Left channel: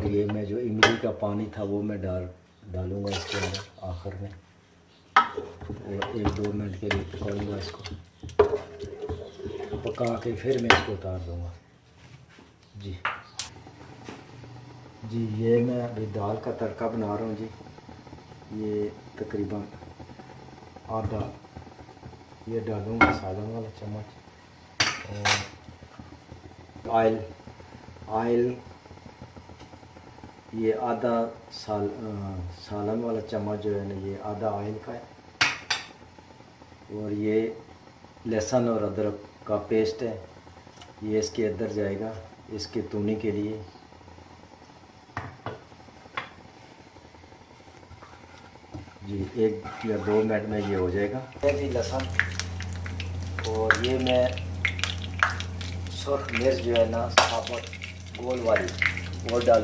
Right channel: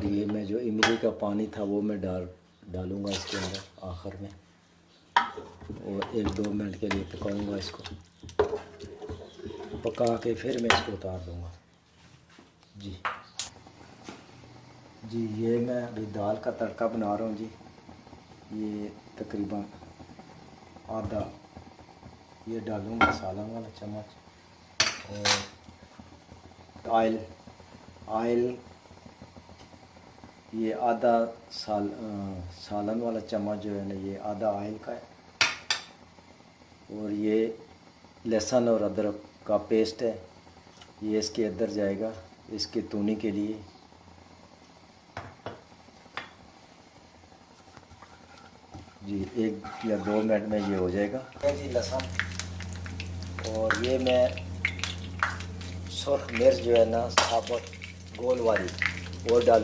अब ये मैं जो इमली का पानी था वो मैं डालूँगा इसके अंदर आखिर में, और 1-2 मिनट के लिए पकाऊँगा इसको। पका के फिर मैं इसको उतार दूँगा। जी जी, ये मैं अभी दाल का तड़का बना रहा हूँ जी। ये तकरीबन आधा ये डालूँगा सालन वाला चम्मच, और आयल ये आधा सालन वाला चम्मच जो है ना, ये आधा आयल का है। और ये लहसुन और अदरक का पेस्ट है, ये इसके अंदर जाएगा इसके तूनी के लिए। जी 1 या 2 मिनट में ये हो जाएगा। जी लहसुन, और ये मैं सुर्ख मिर्च जो है ना साबुत गोल वाली वो डाल